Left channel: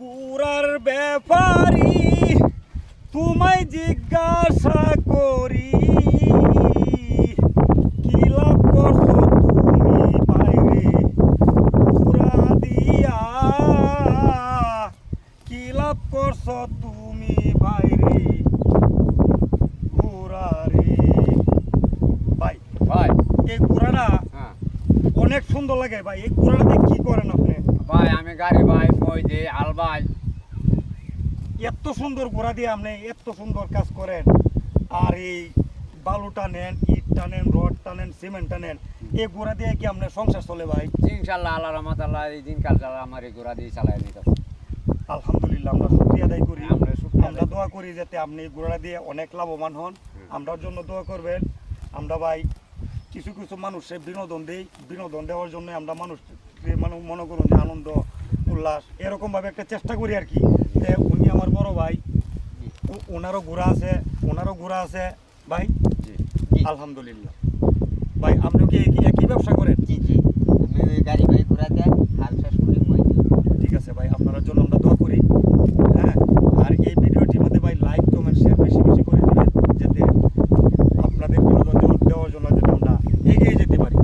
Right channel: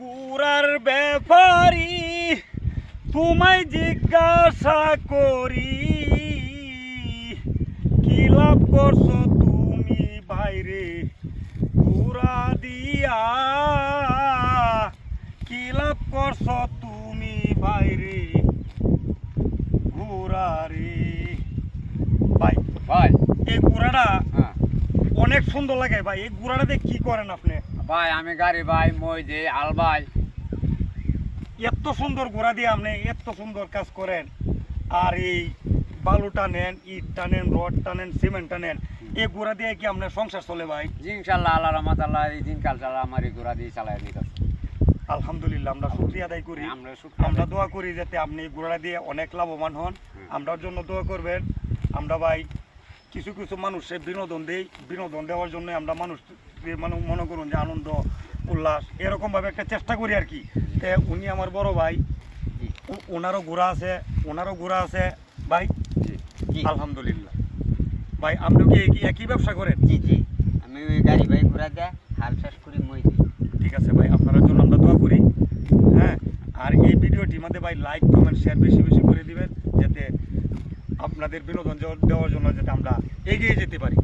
গুড়ার ব্যাপারি তোমায় জিজ্ঞাসা করি, কি লাভ করছো তুমি বাইরে গুড়া দিয়া, কি লাভ করছো তুমি বাইরে গুড়া রে। ভাই ভাই এই গুড়াটা হ্যাঁ অনেক সুন্দর লাগে ভাই। এই গুড়াটা দিয়ে কি করেন আপনি? ভাই আমি গাড়ি ভাই মই যে আল ভাই এত সুন্দর ঘোড়া দিয়ে আপনি এত সুন্দর কাজ করেন, আর এই বালু টানেন, ইট টানেন, রড টানেন, সিমেন্ট টানেন, এই ঘোড়া দিয়ে কি আপনার সংসার চলে ভাই? ইনশাল্লাহ আল্লাহ রহমত আল্লাহ এই দিনকাল চালা আমার এই ঘোড়া দিয়ে চালাই নিতে আলহামদুলিল্লাহ, আমরা শুকরিয়া আদায় করি। আমরা শুকরিয়া আমরা আদায় দোয়া করি যাতে আপনি এই ঘোড়া দিয়ে অনেক লাভবান হন। আমরার জন্য দোয়া করবেন। আমরা ভাই কিছু কিছু মানুষের বিনোদন দেই, বিনোদন দেওয়ার জন্য আমরা মানুষকে মনে করুন যে আনন্দ উল্লাস এরকমভাবে একটা চেষ্টা করি আর কি। উনি আমার বড় ভাই, ওনারও ঘোড়া আছে ভাই। আলহামদুলিল্লাহ। ভাই আপনি কি একই ব্যবসা করেন? জি জি আমি ওই গাড়ি ভাই ঘোড়া দেয় হাল শেষ করি মই দিই। ঠিক আছে ভাই, আপনার জন্য আমরা দোয়া করি। হ্যাঁ, আর এই ভিডিওটির মধ্যে ভাই লাইক কমেন্ট শেয়ার বেশি বেশি করে দিবেন, যাতে আপনাদের বিনোদন দেওয়ার জন্য যাতে আমরা এগিয়ে যেতে পারি।